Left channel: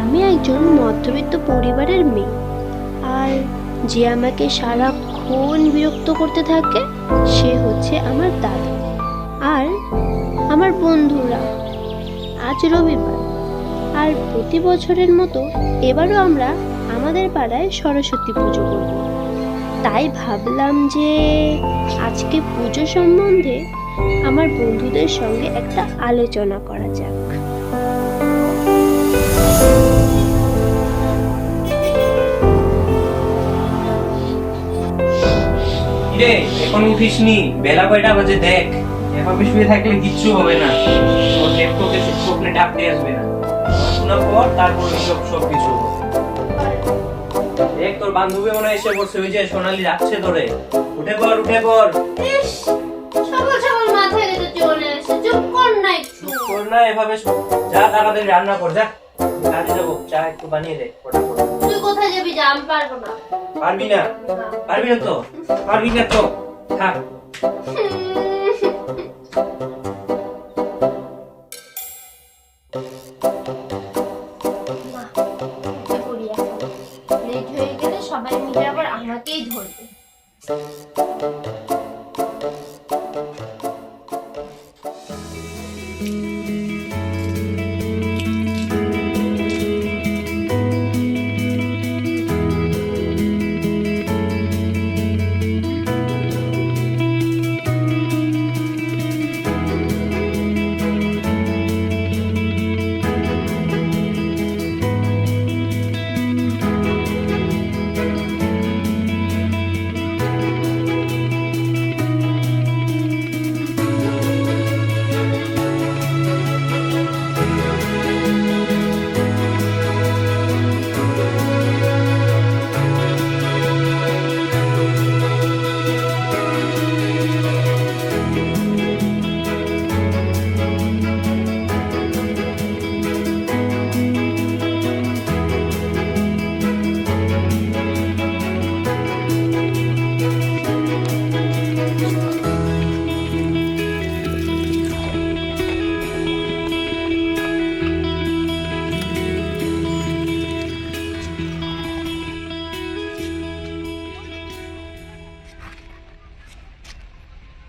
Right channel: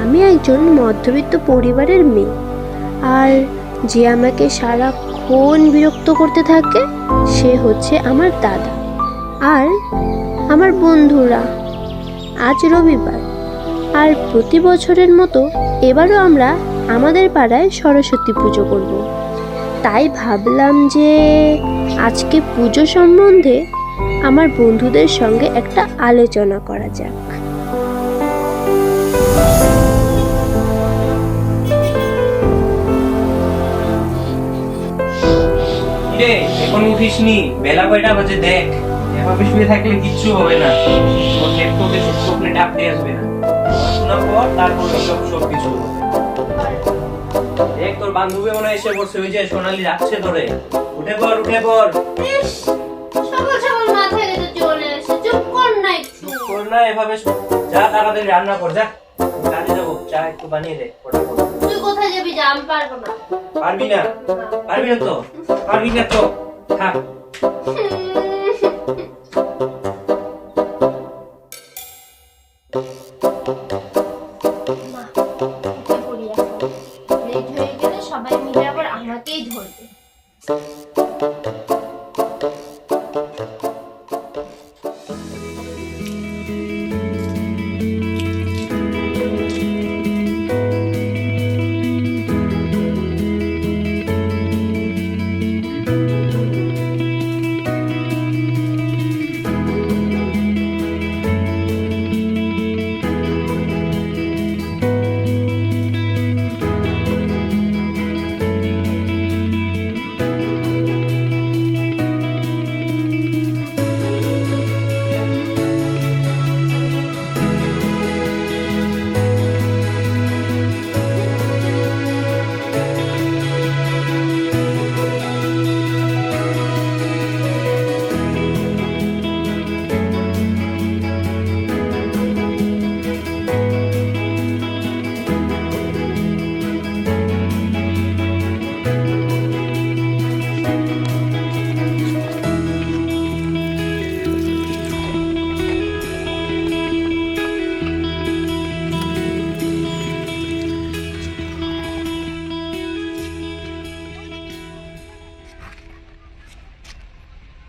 আমি একজন মধ্যবিত্ত পরিবারের মেয়ে, আর যে আমাকে সারাক্ষণ বিরক্ত করতে থাকে সে হচ্ছে আমার দাদা আর আমার বন্ধুরা। আজ রবিবার, আর প্রতি বছরের মতো এবারও আমরা আমাদের পাড়ায় সরস্বতী পুজো করব। তাই ভাবলাম যে আজকে পুজো সম্বন্ধে আমার বন্ধুদের সঙ্গে একটা আলোচনা করা যাক। রে এখন উঠিসনি? বেলা কয়টা বাজে দেখ। এভাবে শুয়ে থাকলে কিচ্ছু হবে না। তোর ল্যাপটপে স্বপ্নে ডাক দিয়ে আসবে না। পড়াশোনা কর, তারপর সব কিছু হবে। দেখ তোর বান্ধবী মনে হয় এসে পড়ছে, ওই যে সোনালি যাচ্ছে তোরে। উঠে পড়, উঠে পড়। সকাল সকাল মাথায় রেখে চলে এসে চুপ কর না একটু। কর না এভাবে, যা তাড়াতাড়ি রান্না কর, যা। কাজে যাবো, চা একটু বানিয়ে দে ফটাফট। তুই কোথায় যাবি? যা, আমি পারবো না। পারবি না? পারবি না তো? পারবি না তো? থাক। না, উঠে পড়ি এখন। লেট হয়ে গেলে সবাই মিলে আবার আমাকেই ধরবে।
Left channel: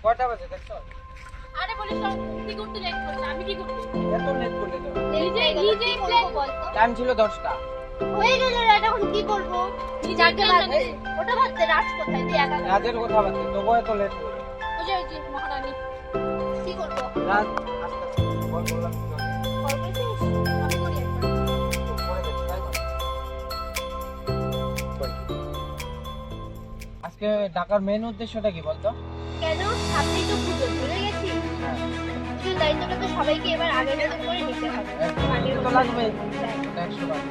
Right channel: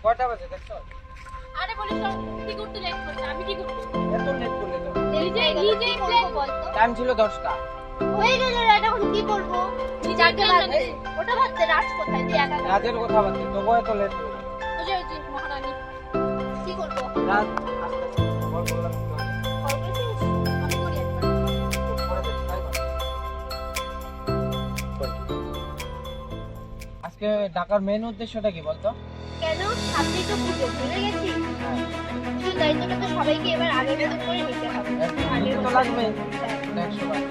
কয়টা বাজে দেখছো? আরে বলিস না, তুই করতে লেট করছিস, আমি কি করব? এত লেট করলে তো? নিজেই প্ল্যান বলতো। টাইম ছিল 10টা। হয়ে গেল, রাত এখন কি করব? যাকে ভাবতে ওটা ভাবতে রাত কোথায়? তুই একা একা। রাতের কথা বলতে তবু এত লেট করলে? ওই যে মহারানী কি করব? রাত আস্তে আস্তে বল বললাম তো। কল করেছিস? আমি করি একবার। পরে দেখি, তাই কর। আজকে ঢাকার মেইন উদ্দেশ্যটা কি বলতো? কেন? সামনেই তো পুজো, ভুলে গেছি? হ্যাঁ, পুজোর দায়িত্বটা তো সবাইকে এবার আগের মতো করে নিতে হবে। আগের তো মতো। লাগবে হ্যাঁ। 100 বার।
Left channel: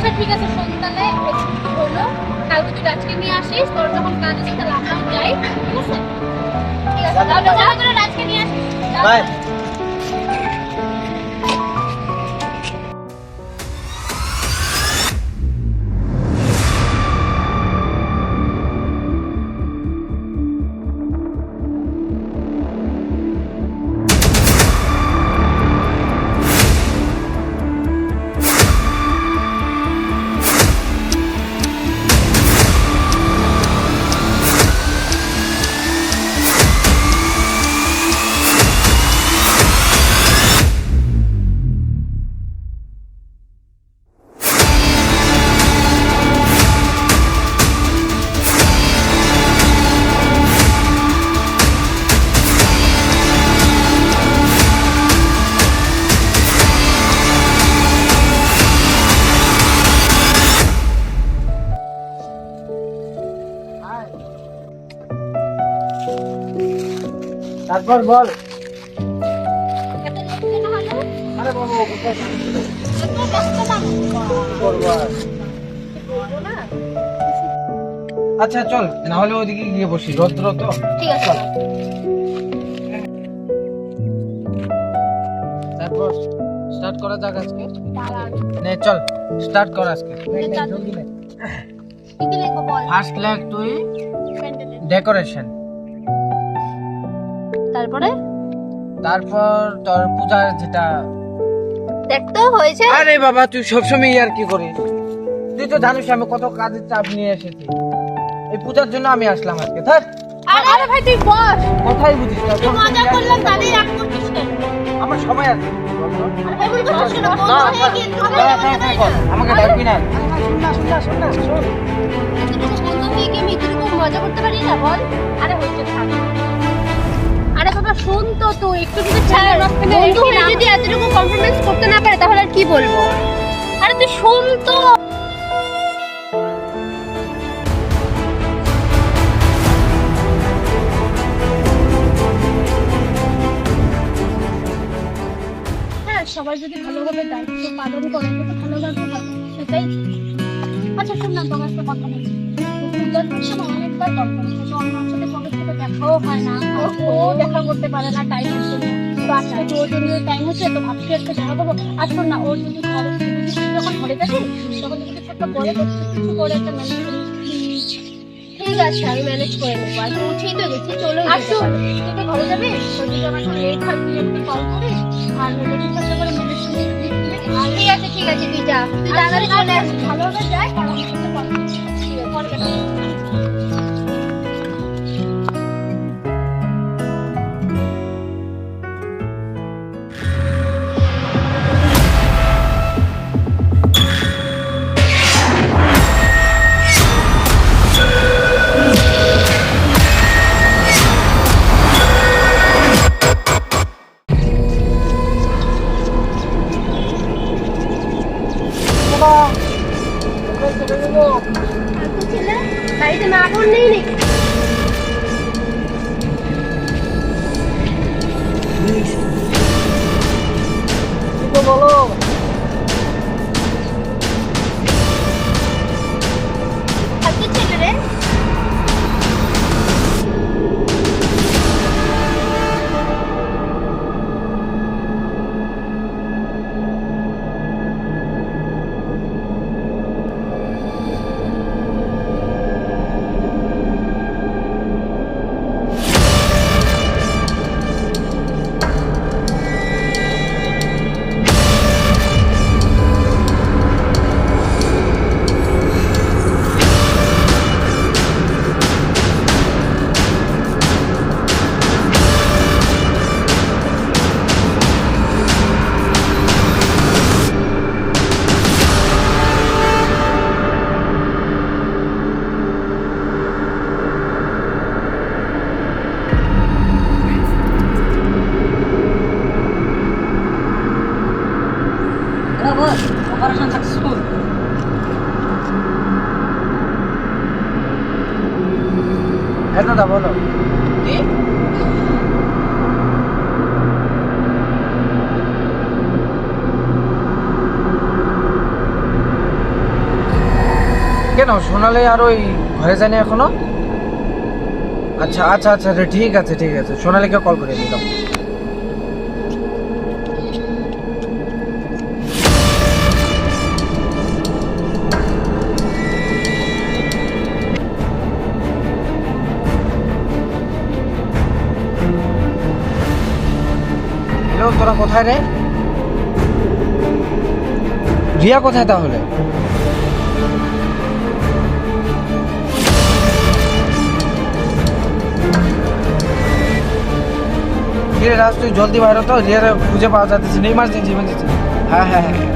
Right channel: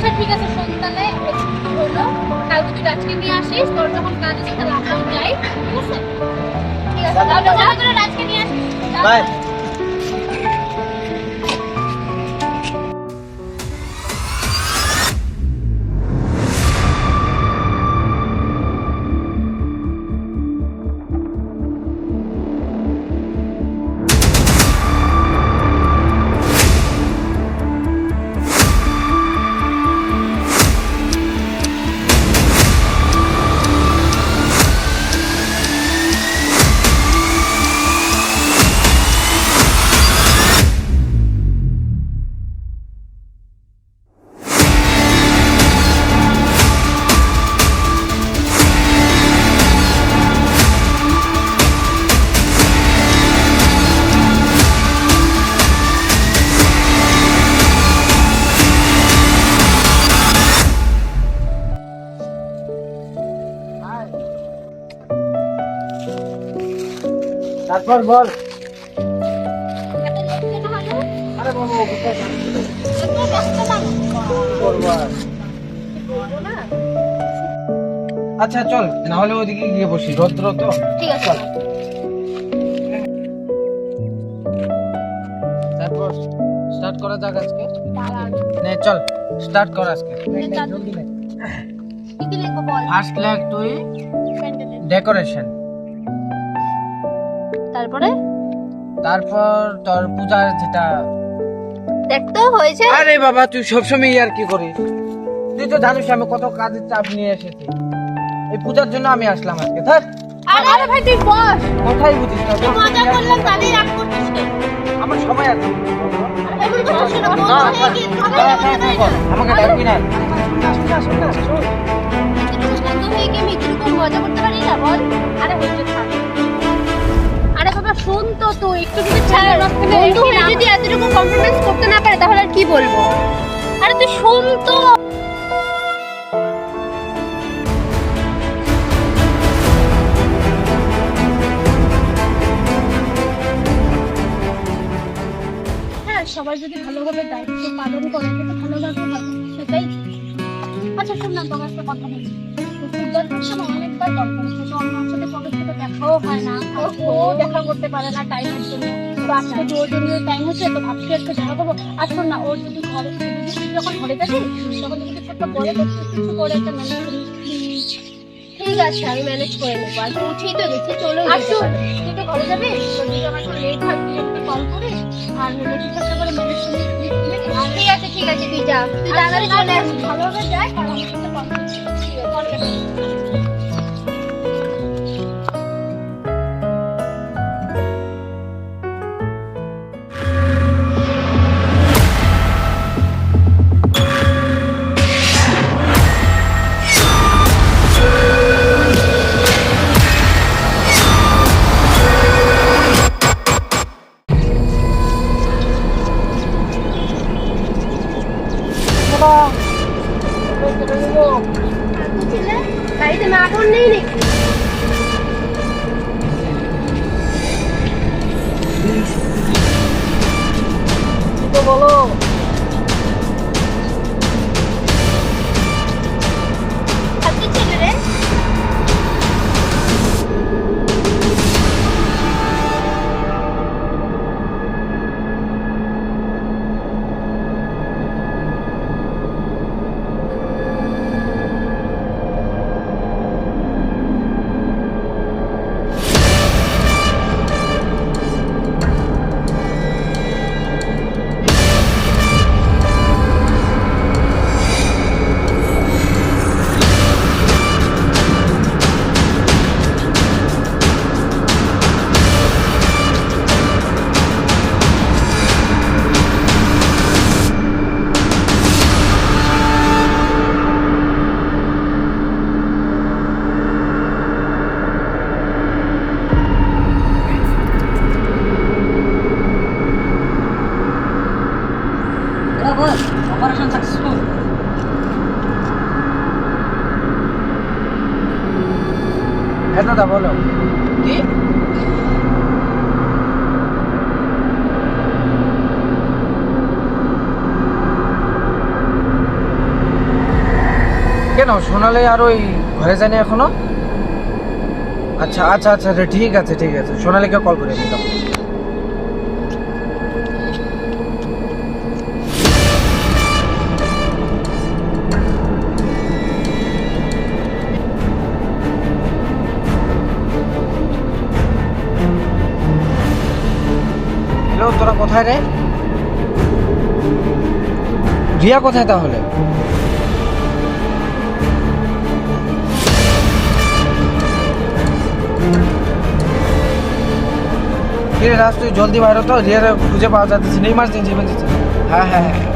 আচ্ছা ঠিক আছে, সন্ধ্যালে হলো, কালকে তুই রাজকে নিয়ে আসিস, তোর যখন কাজ আছে তাহলে আমরাও যাই, ঠিক আছে? ঠিক আছে, তাহলে যা করে রাজকে নিয়ে আসিস। বাই। তারপর বল। এত লেট কেন হলো? আরে বাবা, কোথায় এত ব্যস্ত না করবো আর? বলবো না। আচ্ছা চল, না হলে ওইদিকে গিয়ে বসি, রৌদ্র তো। ঠিক আছে তারপর স্টার্ট করা যাক আজকে। দাঁড়ান। নে চল স্টার্ট কর আজকে। start। জলদি নে। কি কি লিখবো বল? ফার্স্ট লেগ তুই প্যান্ডেলে। ডেকোরেশন, তারপরে তারপর তোর পূজার যেটা। দেখ তো হয়েছে। আরে বাবা তুই সবসময় আর কি করিস, তুই তো জানিস আমি কত কাজের চাপ নিয়ে এসেছি। এই পূজার জন্য আমি আসলাম আজকে। ধর আরে ভাই তুই বস। কথাই বুঝিস না, তুই মজা করলাম তাদের রাগ করছিস কেন? আমার সময় আছে। আরে এমন করছিস না, বন্ধ হয়ে গিয়ে আমাকে ডাকবি না। এতটুকু বন্ধ হয়ে গিয়ে আমি এতটুকু মজা করতে পারি না বল? আরে হইছে থাক। আরে বাবা শুন তো, তুই একটু যদি ছাড় বন্ধু হয়ে যদি এতটুকু কম্প্রোমাইজ করতে না পারে তাহলে আর কি বলবো? আরে তুই শুন তো। হ্যাঁ, সবাই যদি ভালোভাবে দায়িত্ব পালন করে তো ভালো লাগবে না, সেটাই। আচ্ছা শোন না, তোমার একটা কথা বলি। পূজার সময় অনেকবার কল করেছে, তো আমার সাথে কবে থেকে দেখাও হয় না, আর ও দেখা করতে পারে না টাইমের জন্য। তো আজকে তো ওর জন্য টাইম হচ্ছে, তো ভাবছি আজকে দেখা করবো। আর শোন না, ওর যদি ঘরে যখন ঘরে যাবি তখন যদি কিছু একটা বলে কিছু করে একটা ম্যানেজ করি। ঠিক আছে, আমি ম্যানেজ করে নেবো। আর উঠেই তো গেছি, চলো। আর শোন, তুই তো ঘরে যাবি, তো যদি আমার একটু লেট হয় তুই আমাকে কল করিস, আর হলে কিছু একটা করে ম্যানেজ করে দিবি। ঠিক আছে ঠিক আছে, তুই যা, তুই তাড়াতাড়ি চলে আসবি। ভালোভাবে যাই, আর আমার সাথে কল করিস। ঠিক আছে, কল কেটে দিস। বাড়িতে মা বোন নেই নাকি? তো বলো। আজকে ছেলে রে। Operation successful. হ্যাঁ দাদা বলো। কি? কেন সোনালি আর ওই ঘরে যায়নি এখনো? আচ্ছা আচ্ছা আচ্ছা ঠিক আছে ঠিক আছে, সোনালিকে কল করে নিলাম। হ্যালো, তোরা কোথায় রে? রিয়া কোথায় তাহলে? কিরে রাজ, তুই জলদি বাইরে তো, রিয়ার খুঁজে পাওয়া যাচ্ছে না, ইমার্জেন্সি ইমার্জেন্সি। হ্যাঁ হ্যাঁ হ্যাঁ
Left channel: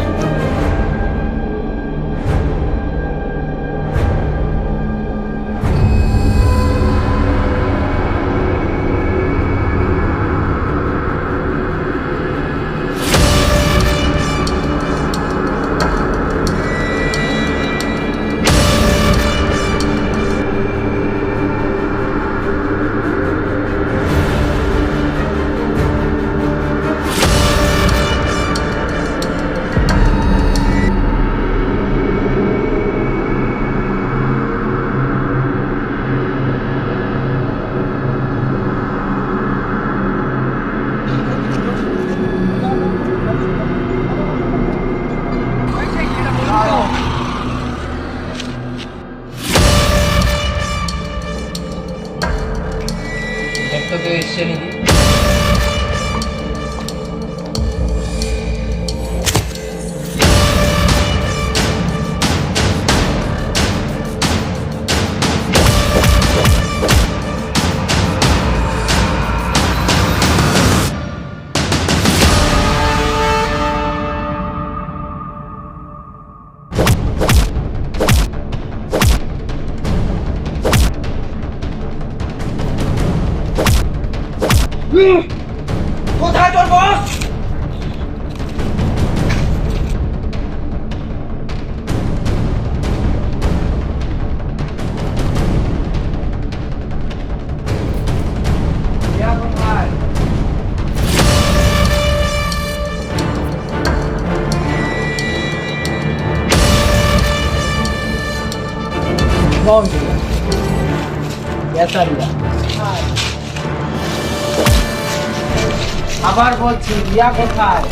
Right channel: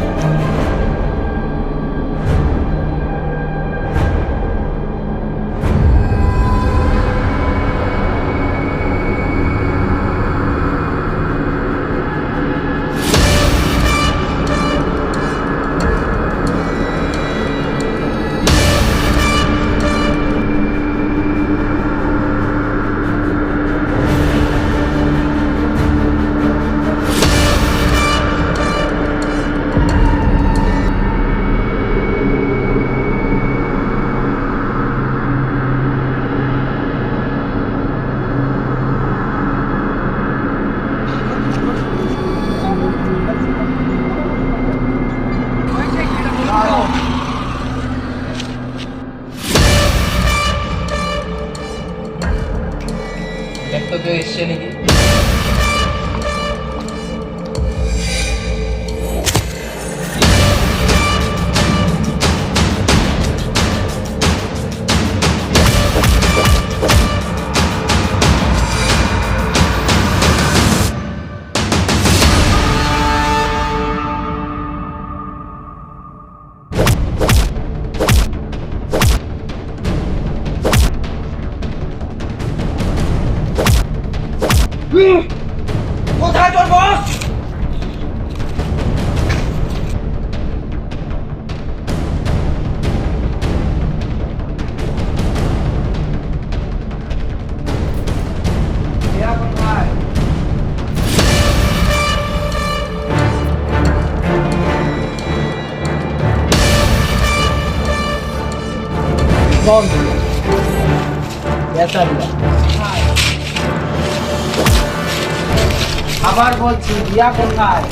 তো কেউ এসছে নাকি? কোথায় তোর বস? কোথায়? আবার বলছি রিয়া কোথায়?